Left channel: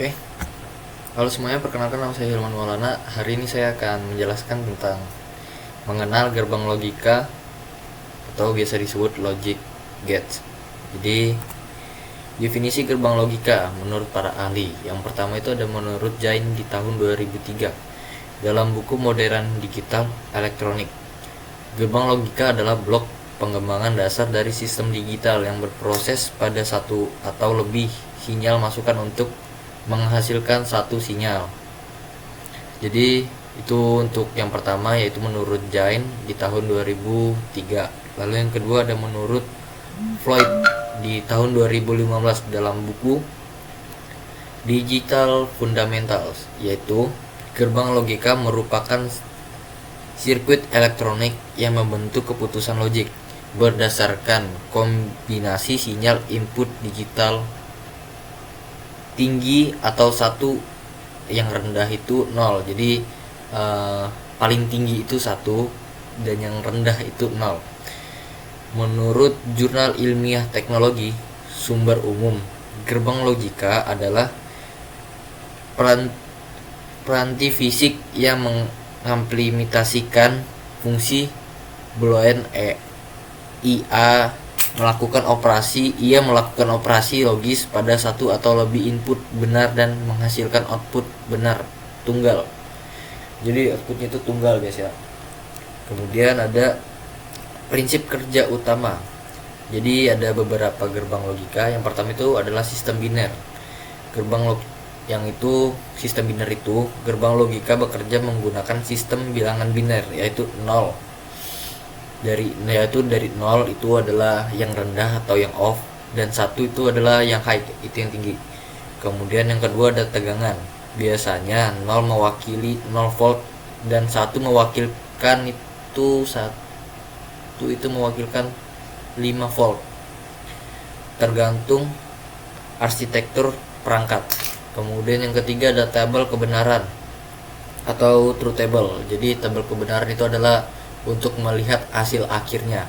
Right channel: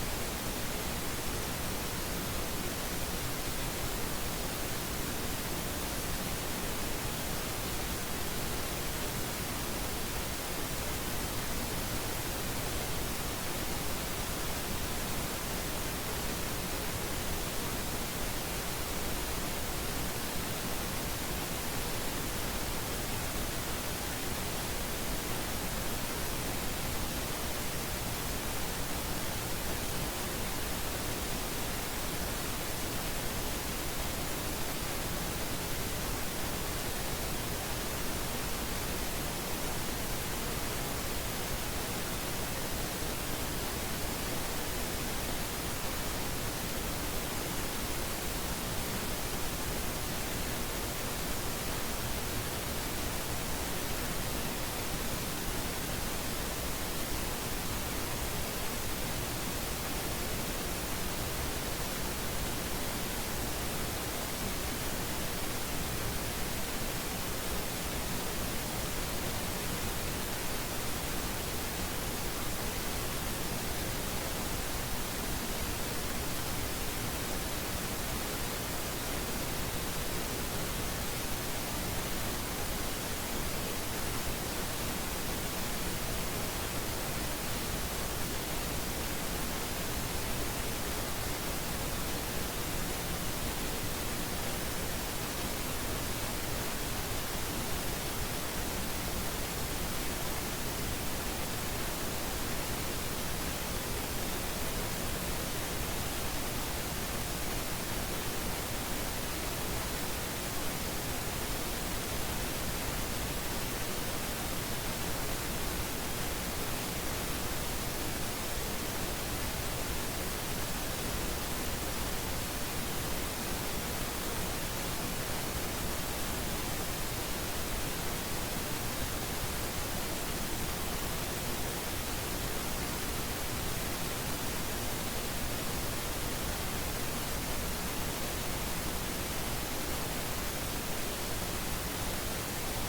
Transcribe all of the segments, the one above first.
Oke, halo semuanya, perkenalkan nama saya Hilman Maulana. Hari ini saya akan menjelaskan tentang mengenal gerbang logika atau biasa disebut logic gates. Jadi, definisi gerbang logika menurut para ahli. Yang pertama itu ada menurut Jain di tahun 2003 dalam buku Modern Digital Elektronik. Gerbang logika adalah blok pengembangan dasar dari sistem digital yang berproses pada satu atau lebih sinyal masukan untuk menghasilkan satu sinyal. Jadi itu untuk yang pertama, yaitu menurut Jain di tahun 2003. Lalu yang kedua ada menurut Floyd di tahun 2015 dalam buku Digital Fundamentals, yaitu gerbang logika merupakan sirkuit elektronik yang membentuk keputusan logik berdasarkan kombinasi sinyal input digital tinggi atau satu, yang rendah itu 0. Jadi paling tinggi itu 1 dan yang rendah itu 0. Menurut Jurnal Ilmiah Teknologi Sumber Umum, gerbang logika adalah peranti fisik yang mengimplementasikan fungsi Boolean ia melakukan operasi logis pada satu atau lebih input benar dan menghasilkan output benar tunggal. Jadi outputnya itu tunggal guys ya. Kemudian ada prinsip kerja utama. Jadi ada beberapa gerbang logika. Yang pertama itu adalah sistem biner. Sistem biner itu gerbang logika bekerja menggunakan sistem bilangan biner, yaitu 0. Dari 0 itu adalah yang rendah atau yang off, dan 1 itu adalah yang high, itu yang tinggi. Kemudian yang kedua ada tegangan. Biasanya 0 mewakili 0 volt dan 1 mewakilkan itu 5 volt, tergantung arsitektur perangkat. Kemudian yang ketiga ada tabel kebenaran atau truth table. Jadi tabel kebenaran itu adalah untuk melihat hasil akhirnya.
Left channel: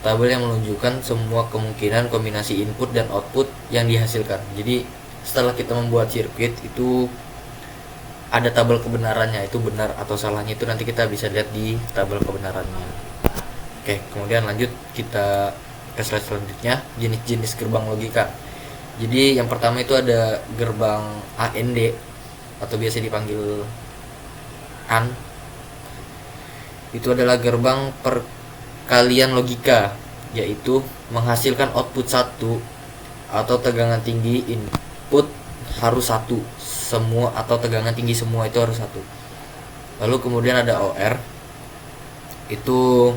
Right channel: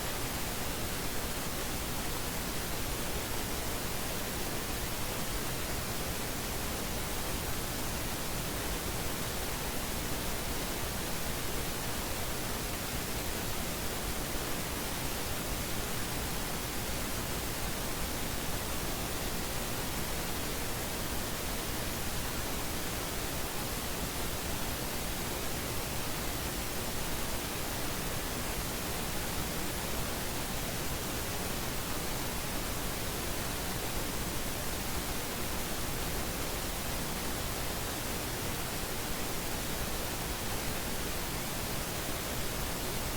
Tabel yang menunjukkan semua kemungkinan kombinasi input dan output yang dihasilkan. Jadi setelah kita membuat sirkuit itu ada tabel kebenarannya, itu benar atau salahnya itu nanti kita bisa lihat di tabel kebenarannya. Oke, kemudian lanjut kita ke slide selanjutnya, jenis-jenis gerbang logika. Jadi yang pertama itu ada gerbang AND atau biasa dipanggil AND. Itu adalah gerbang perkalian logika, yaitu menghasilkan output 1 atau tegangan tinggi input harus 1 semua, atau tegangan tinggi semua itu harus 1. Lalu kemudian ada OR. Itu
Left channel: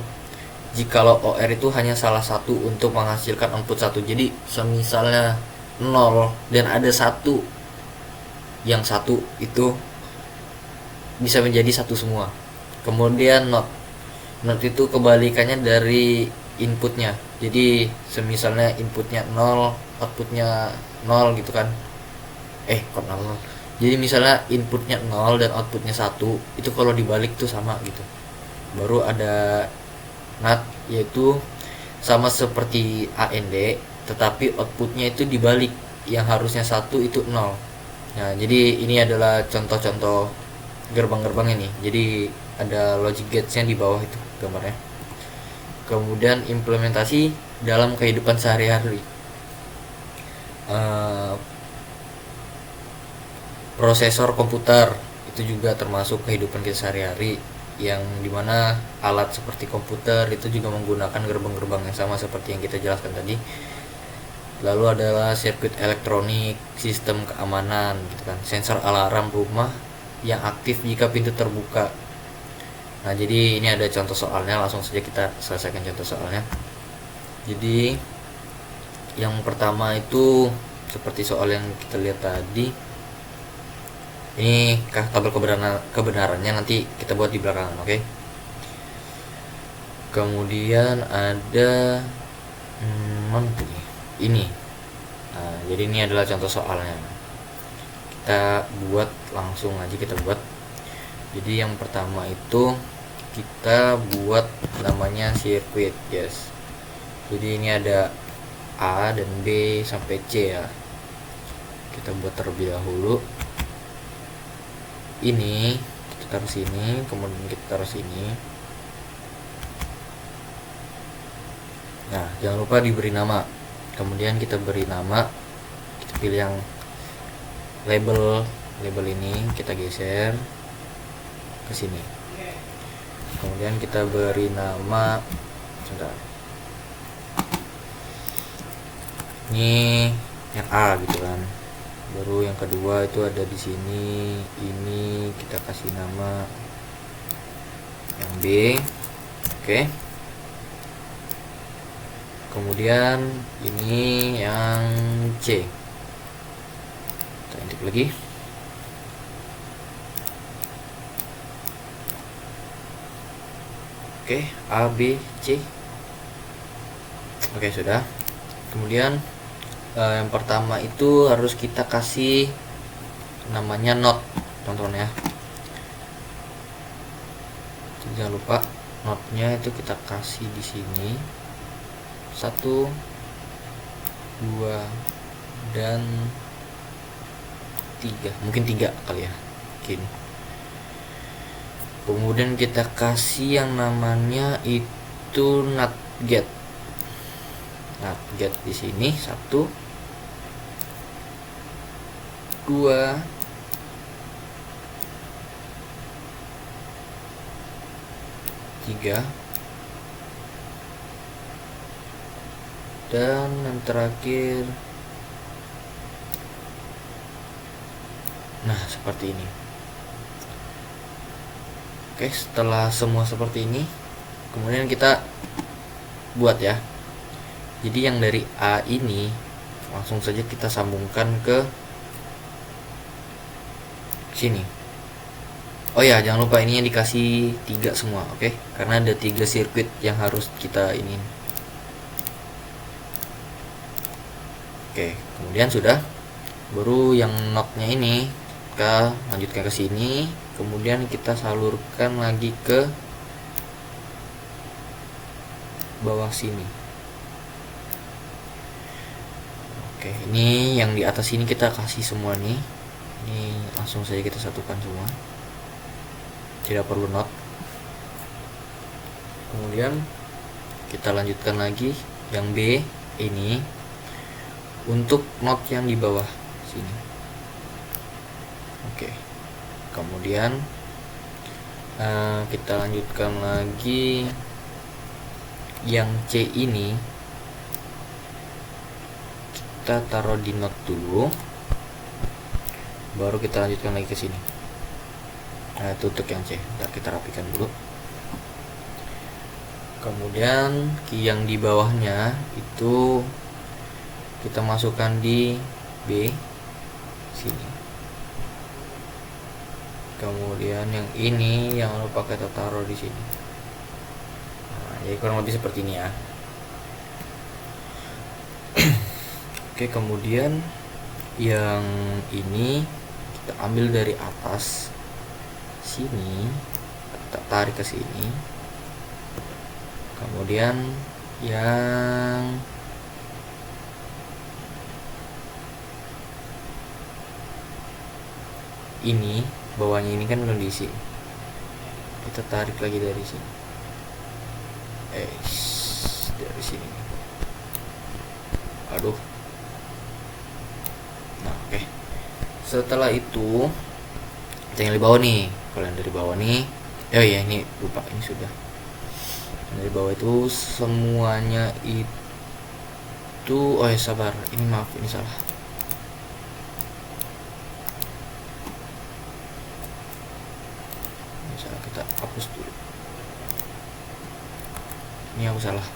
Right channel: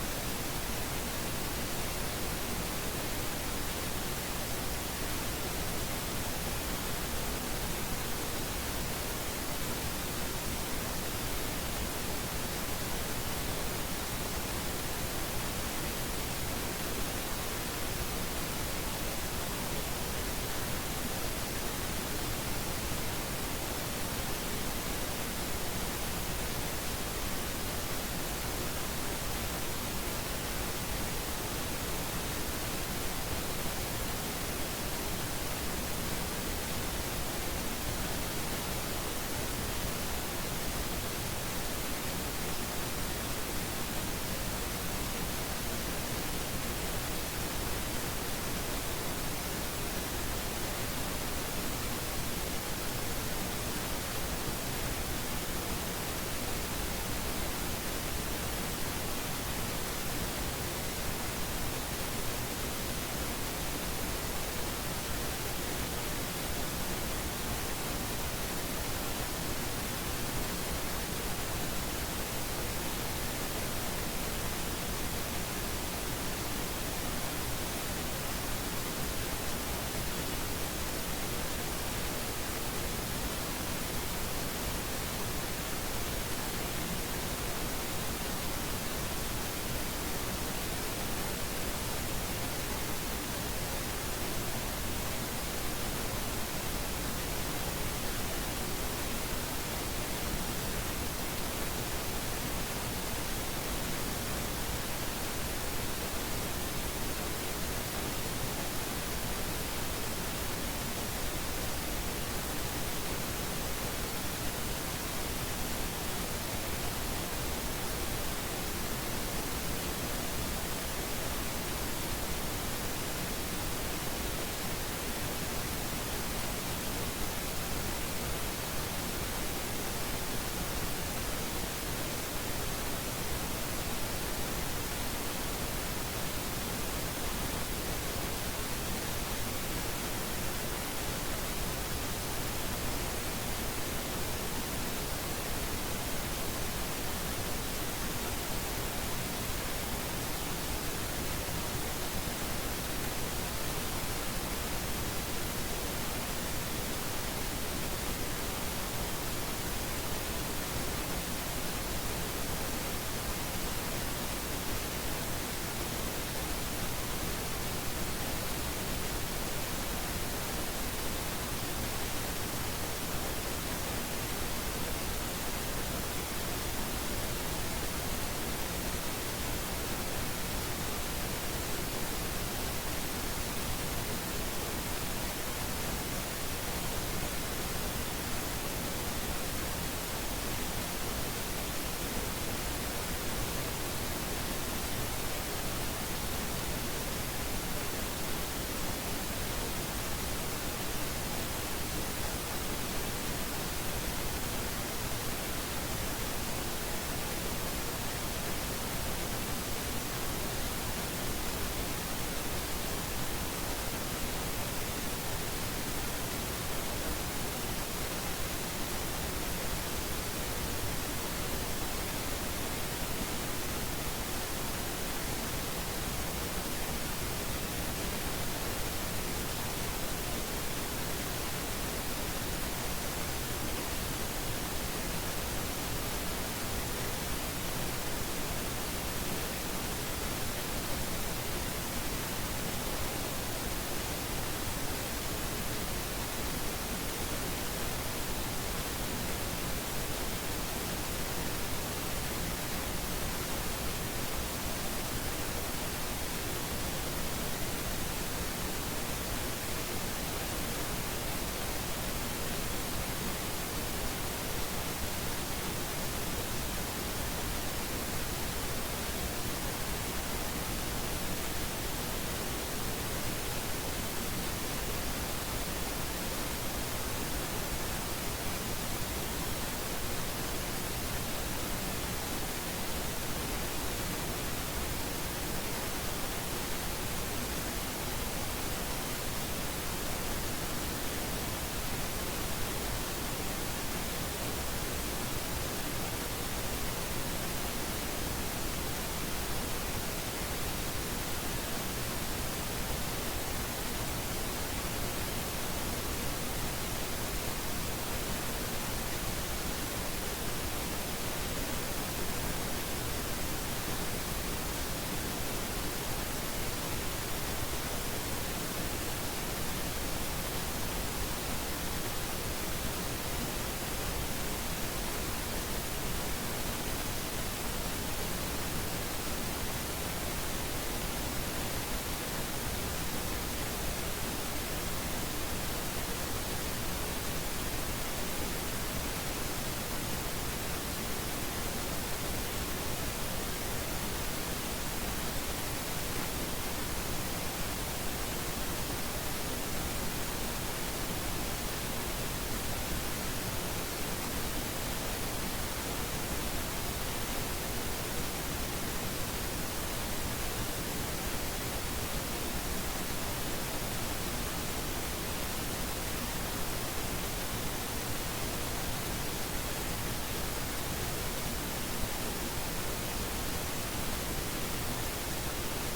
jikalau OR itu hanya salah satu untuk menghasilkan output 1. Jadi misalnya 0 dan ada 1, yang 1 itu bisa menjadi 1 semua. Kemudian not itu kebalikannya dari inputnya. Jadi semisalnya inputnya 0, outputnya 0 gitu kan. Kok 0? Jadi misalnya inputnya 0 dan outputnya 1, itu kalau dibalik tuh sama gitu. Baru ada not, yaitu sama seperti AND tetapi outputnya itu dibalik, yang harusnya 1 itu 0. Nah, jadi ini adalah contoh-contoh gerbang-gerbang ini. Jadi ada logic gates-nya di bawah itu gambarnya. Kemudian implementasi dalam kehidupan sehari-hari. Prosesor komputer itu juga termasuk kehidupan kita sehari-hari, yang dimana alat seperti komputer itu juga menggunakan gerbang-gerbang yang sama seperti yang kita jelaskan tadi. Lalu adalah sirkuit elektronik, sistem keamanan gitu kan, sensor alarm rumah yang aktif jika pintu terbuka. Nah, jadi ini ada contoh soalnya, langsung saja kita selesaikan contoh soalnya. Jadi yang pertama itu seperti soal yang kita lihat tadi. Ini tabel kebenarannya nanti kita buat di belakangan, oke? Kemudian ada ini. Nah, jadi ini adalah contoh soalnya. Kita buat langsung aja, kita buat. Jadi yang pertama itu kita buat namanya sirkuit, guys. Jadi ini ada A dan B sampai C ya. kita buat terlebih dahulu. Ini kita taruh sini, kemudian kita taruh sini. Nah, jangan lupa diberi nama. Kemudian kita beri nama, kita pilih yang label ini, kita geser ke sini. Kemudian kita beri nama, ini yang A gitu kan. Baru yang kedua itu ada di sini, ini kita kasih nama yang B. Oke. Kemudian ini yang C, kita ketik lagi. Oke, A, B, C. Oke, sudah. Kemudian yang pertama itu harus kita kasih namanya not, teman-teman ya. Jangan lupa notnya itu kita kasih di sini 1, 2, dan 3, mungkin 3 kali ya, mungkin. Kemudian kita kasih yang namanya itu not get. Nah, get di sini 1, 2, 3, dan yang terakhir. Nah, seperti ini. Oke, setelah semua seperti ini, kemudian kita buat ya. Jadi yang dari A ini langsung saja kita sambungkan ke sini. Oh ya, jangan lupa ini yang dikasih 3 semua, oke? Karena ada 3 sirkuit yang harus kita ini. Oke, kemudian sudah. Baru yang notnya ini kita lanjutkan ke sini, kemudian kita salurkan lagi ke bawah sini. Oke, ini yang di atas ini kita kasih semua nih. Ini langsung saja kita satukan semua, tidak perlu not. Kemudian kita lanjutkan lagi yang B ini untuk not yang di bawah sini. Oke, kemudian kita lanjutkan lagi yang C ini, kita taruh di not dulu, baru kita lanjutkan lagi ke sini. Nah, itu untuk yang C. Ntar kita rapikan dulu. Kemudian yang di bawahnya itu kita masukkan di B sini. Kemudian yang ini yang lupa kita taruh di sini. Nah, jadi kurang lebih seperti ini ya. Oke, kemudian yang ini kita ambil dari atas sini, kita tarik ke sini. Kemudian yang ini bawahnya ini kan belum diisi, kita tarik lagi dari sini, dari sini. Aduh. Nah, oke. Setelah itu yang di bawah nih, kalau yang dari bawah nih, oh iya ini lupa, ini sudah. Dari bawah itu semuanya itu, oh ya sabar, ini maaf, ini salah. Kita hapus dulu, ini aku salah.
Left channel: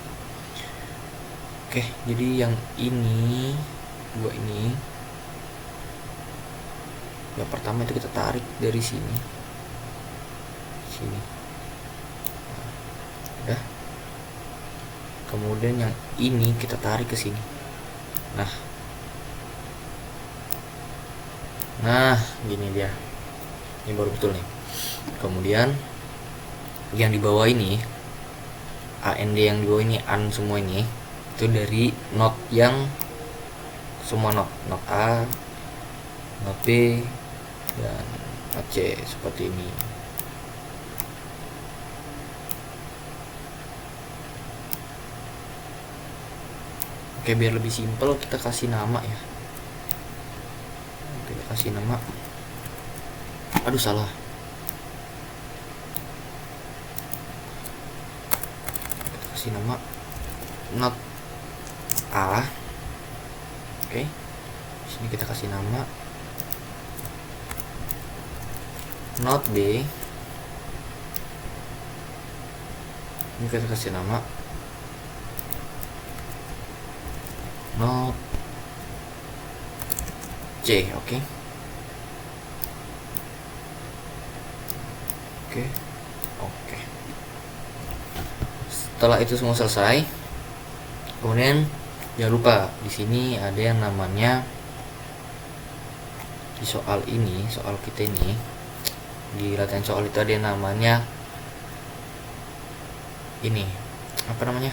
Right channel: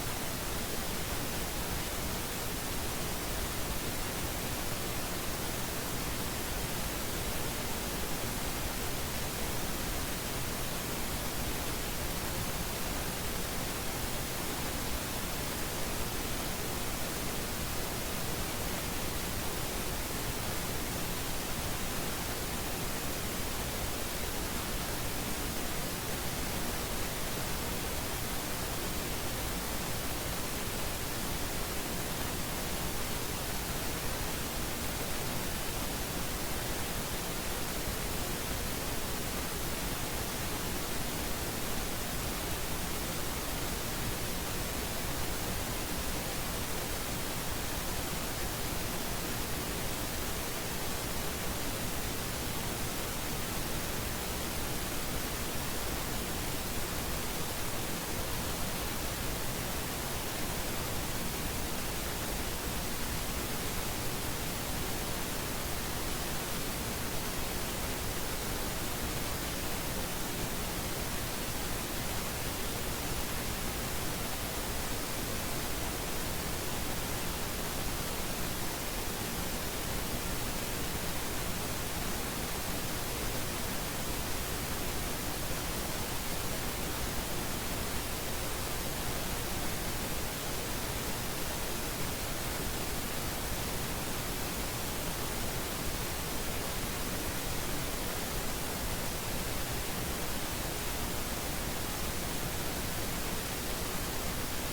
Oke, jadi yang ini, dua ini, yang pertama itu kita tarik dari sini, udah. Kemudian yang ini kita tarik ke sini. Nah, gini dia, ini baru betul nih. Kemudian yang di bawah ini, AND yang di bawah ini, AN semua ini, itu dari not yang semua not A, not B, dan not C seperti ini. Oke, biar lebih simpel kita kasih nama ya. Kita kasih nama. Aduh, salah. Kasih nama not A. Oke. Sini kita kasih nama not B. Ini kita kasih nama not C. Oke. Oke. Oke. Setelah itu semua selesai, kemudian jangan lupa di sini ada yang namanya, di soal ini, soal kita ini, di latihan soal itu ada yang namanya ini, apa namanya,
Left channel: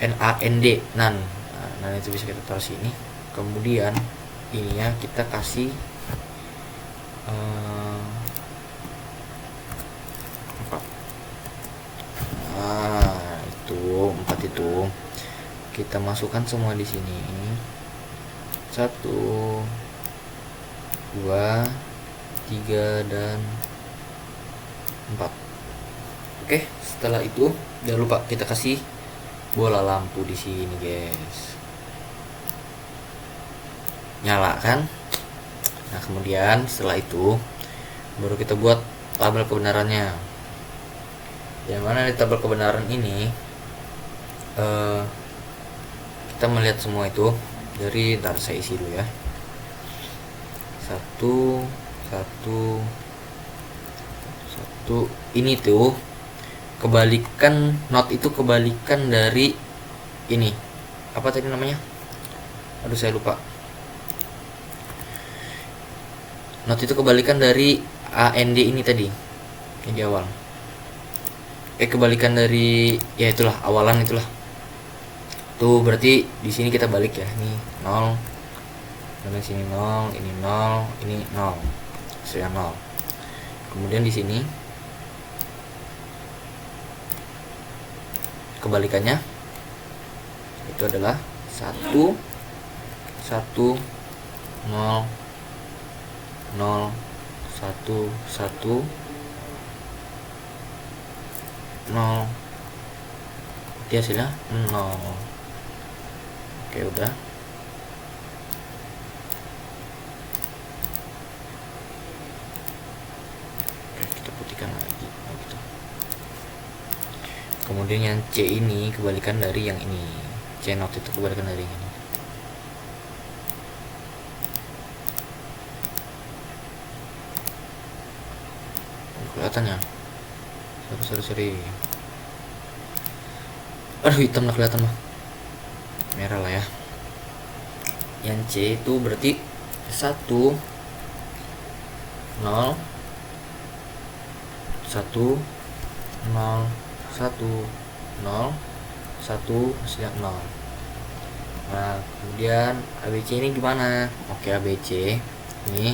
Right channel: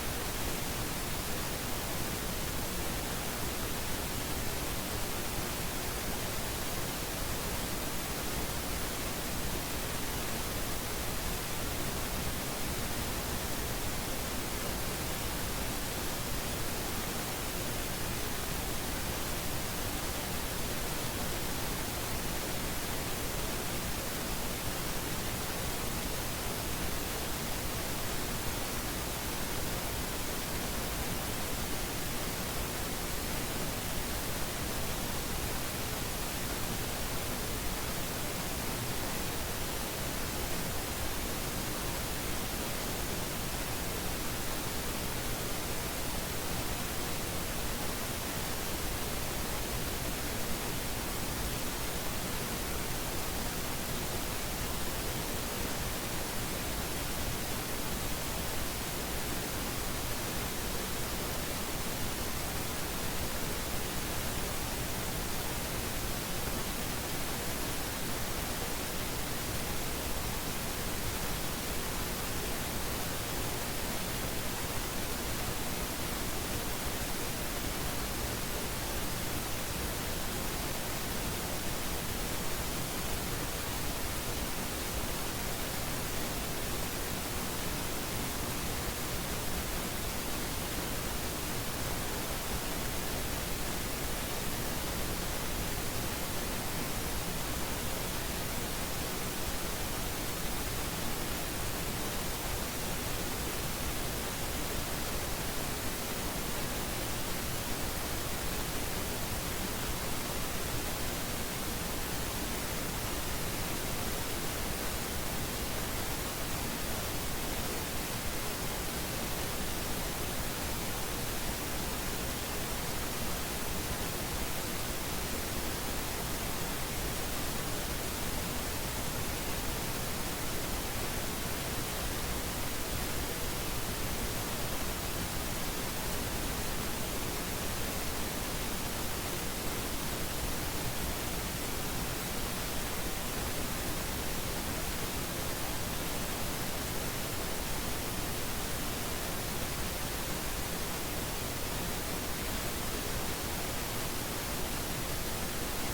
NaND, nan. Nah, itu bisa kita taruh sini. Kemudian ininya kita kasih apa? Itu 4 itu kita masukkan semua di sini. 1, 2, 3, dan 4. Oke, setelah itu jangan lupa kita kasih bola lampu di sini, guys. Nyala kan? Nah, kemudian setelah itu baru kita buat tabel kebenarannya. Yang mana di tabel kebenaran ini kita melihat semua itu dari, ntar saya isi dulu ya. 1 ini tuh kebalikan, not itu kebalikan dari ini, apa tadi namanya, aduh saya lupa. Not itu kebalikan dari AND ini tadi, di awal. Kebalikan dari, ya itulah, awalan itulah. Tuh berarti di sini kita balik ya. Ini 0, dan sini 0, ini 0, ini 0. Saya 0. Kemudian di sini kebalikannya itu adalah 1, 1, 0, 0, 1, 1, 0. Dia hasilnya 0. Oke, udah. Kita putihkan lagi. Kemudian yang C ini kebalikan dari yang ini. C not itu kebalikan dari ini. Kelihatan ya? Sorry. Aduh, hitam lah kelihatan loh. Merah lah ya. Yang C itu berarti 1, 0, 1, 0, 1, 0, 1, hasilnya 0. Nah, kemudian ABC ini gimana? Oke, ABC ini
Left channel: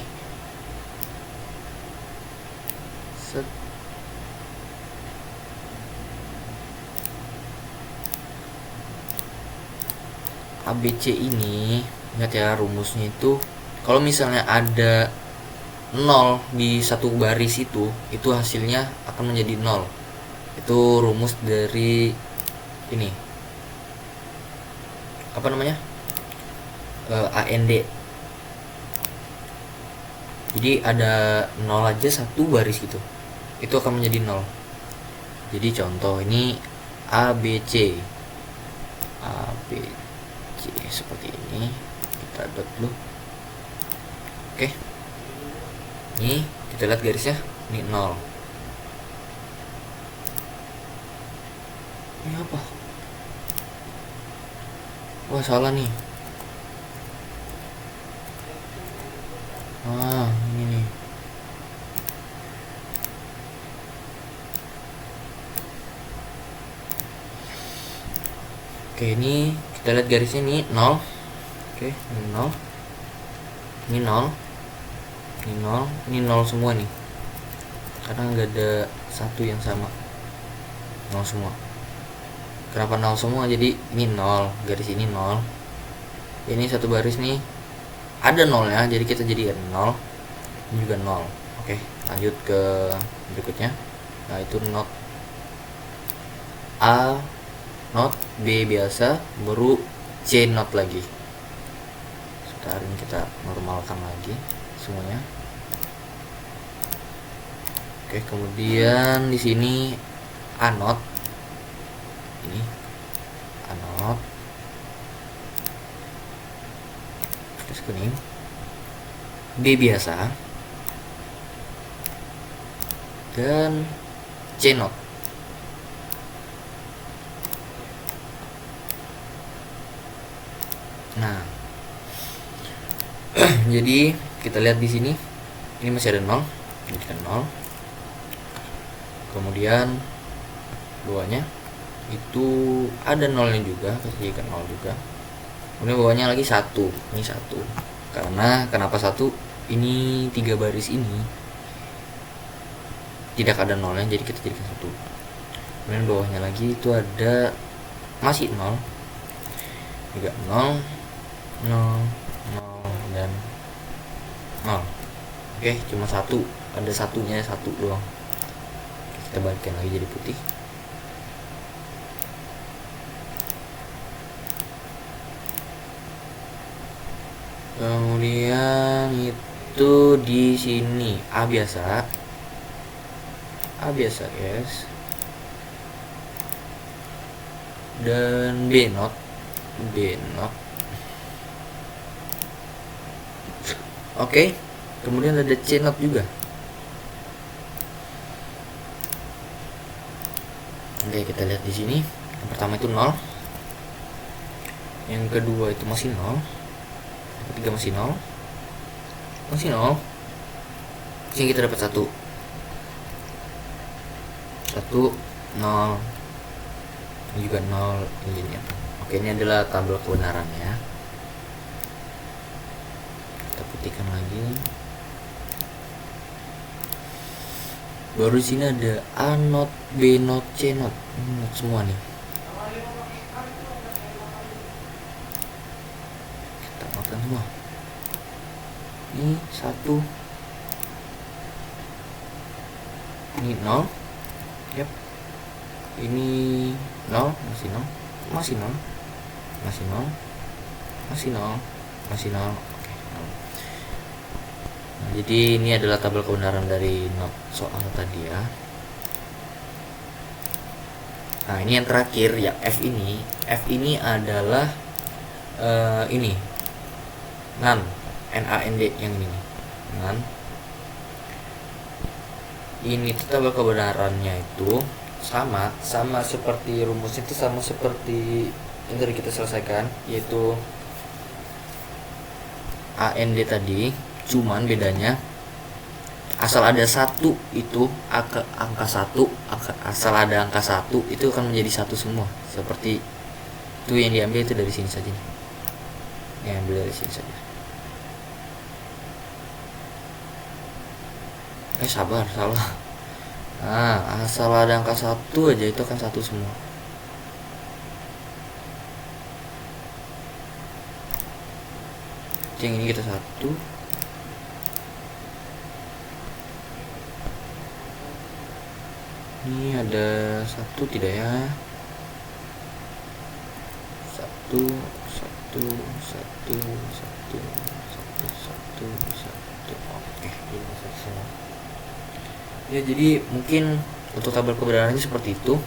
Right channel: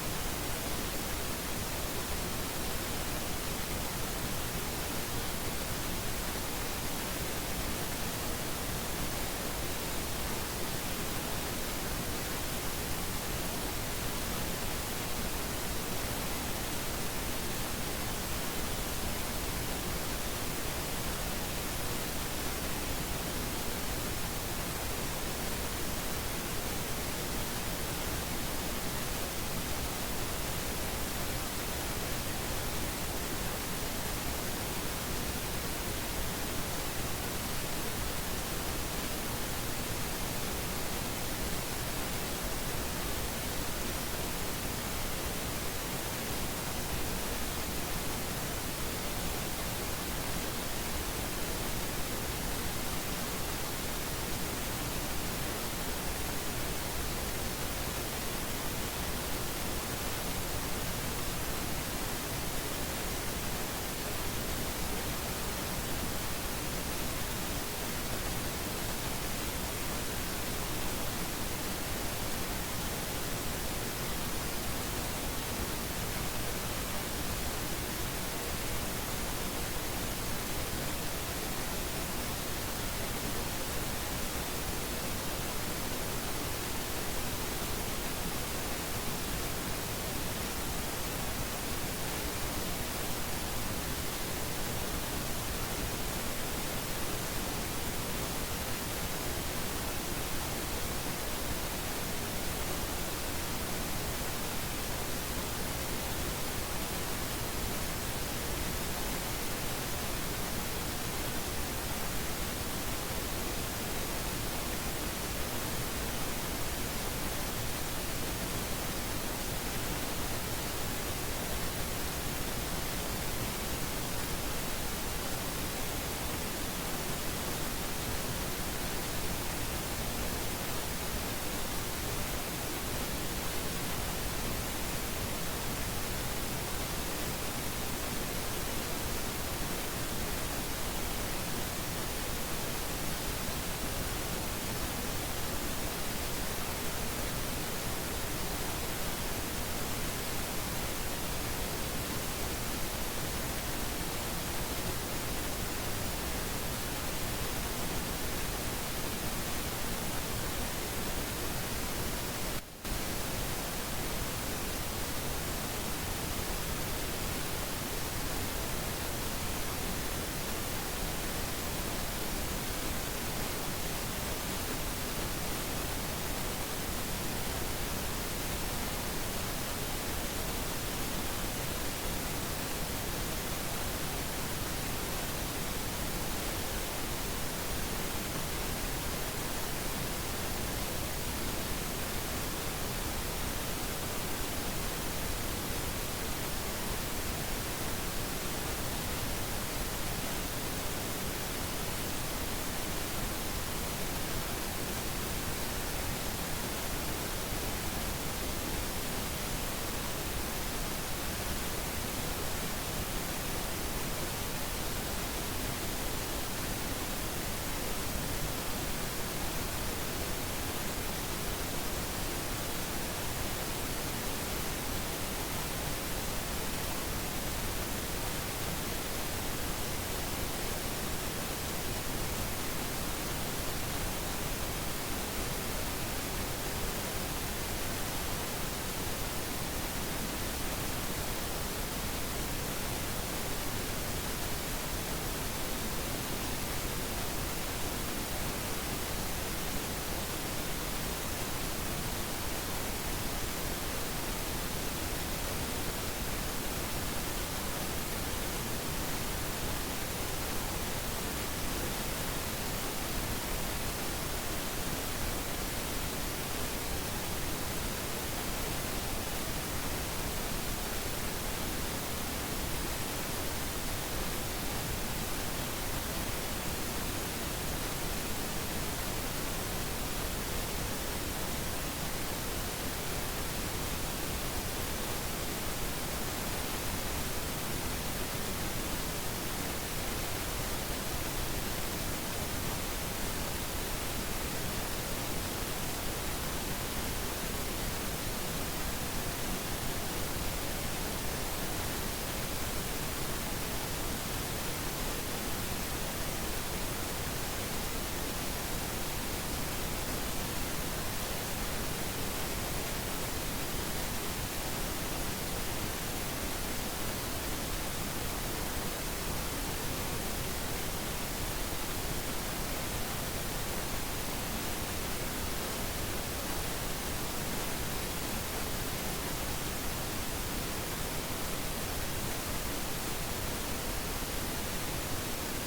ABC ini, ingat ya rumusnya itu, kalau misalnya ada 0 di satu baris itu hasilnya akan menjadi 0. Itu rumus dari ini, apa namanya, AND. Jadi ada 0 aja satu baris gitu, itu akan menjadi 0. Jadi contoh ini ABC seperti ini, kita buat dulu. Oke, ini kita lihat garisnya, ini 0. Ini apa? Wah, salah nih. Ini. Oke, ini kita lihat garisnya ini 0. Oke, 0. Ini nol, ini nol, ini nol semua nih, karena nggak ada satu yang sama. Nol semua. Kenapa nol semua? Jadi ini nol, garis ini nol, ini satu baris nih ada nolnya, jadi kita jadi nol, ini juga nol. Oke, lanjut ke berikutnya. Nah, itu not A, not B biasa, baru C not lagi. Sekarang kita normalkan lagi semuanya. Oke, kemudian di sini A not, ini A not, ini B biasa, dan C not. Nah, jadi kita lihat di sini, ini masih ada nol, jadi nol. Kemudian bawahnya itu ada nolnya juga, jadi nol juga. Kemudian bawahnya lagi satu, ini satu. Karena kenapa satu? Ini 3 baris ini tidak ada nolnya, jadi kita jadikan satu. Kemudian bawahnya lagi itu ada masih nol, juga nol, nol, nol, dan nol. Oke, cuma satu, ada satunya, satu doang. Kita balikin lagi jadi putih. Kemudian itu di sini A biasa, guys, dan B not, Oke, kemudian ada C not juga. Oke, kita lihat di sini. Yang pertama itu 0, yang kedua itu masih 0, yang ketiga masih 0, masih 0. Sini kita dapat 1, 1, 0, ini juga 0, ini. Oke, ini adalah tabel kebenarannya. Kita putihkan lagi. Baru di sini ada A not, B not, C not, not semua nih. Kita notkan semua. Ini 1, ini 0, yep. Ini 0, masih 0, masih 0, masih 0, masih 0, masih 0. Jadi ini adalah tabel kebenaran dari not soal tadi ya. Nah, ini yang terakhir ya, F ini adalah ini NaND, NaND yang ini NaND. Ini tuh tabel kebenarannya itu sama seperti rumusnya, itu sama seperti yang tadi kita selesaikan, yaitu AND tadi. Cuman bedanya asal ada satu itu angka satu, asal ada angka satu itu akan menjadi satu semua. Seperti itu yang diambil itu dari sini saja, yang ambil dari sini saja. Sabar, salah. Nah, asal ada angka satu aja itu akan satu semua. Yang ini kita satu, ini ada satu tidak ya? Satu, satu, satu, satu, satu, satu, satu. Oke, ya, jadi mungkin untuk tabel kebenarannya seperti itu.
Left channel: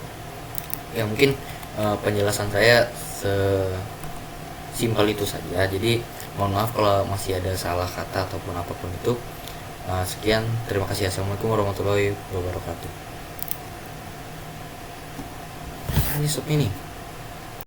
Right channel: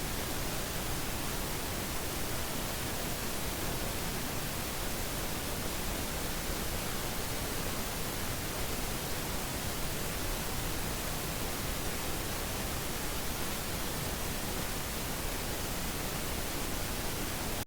Ya, mungkin penjelasan saya sesimpel itu saja. Jadi mohon maaf kalau masih ada salah kata ataupun apapun itu. Sekian, terima kasih. Assalamualaikum warahmatullahi wabarakatuh. Ini stop ini.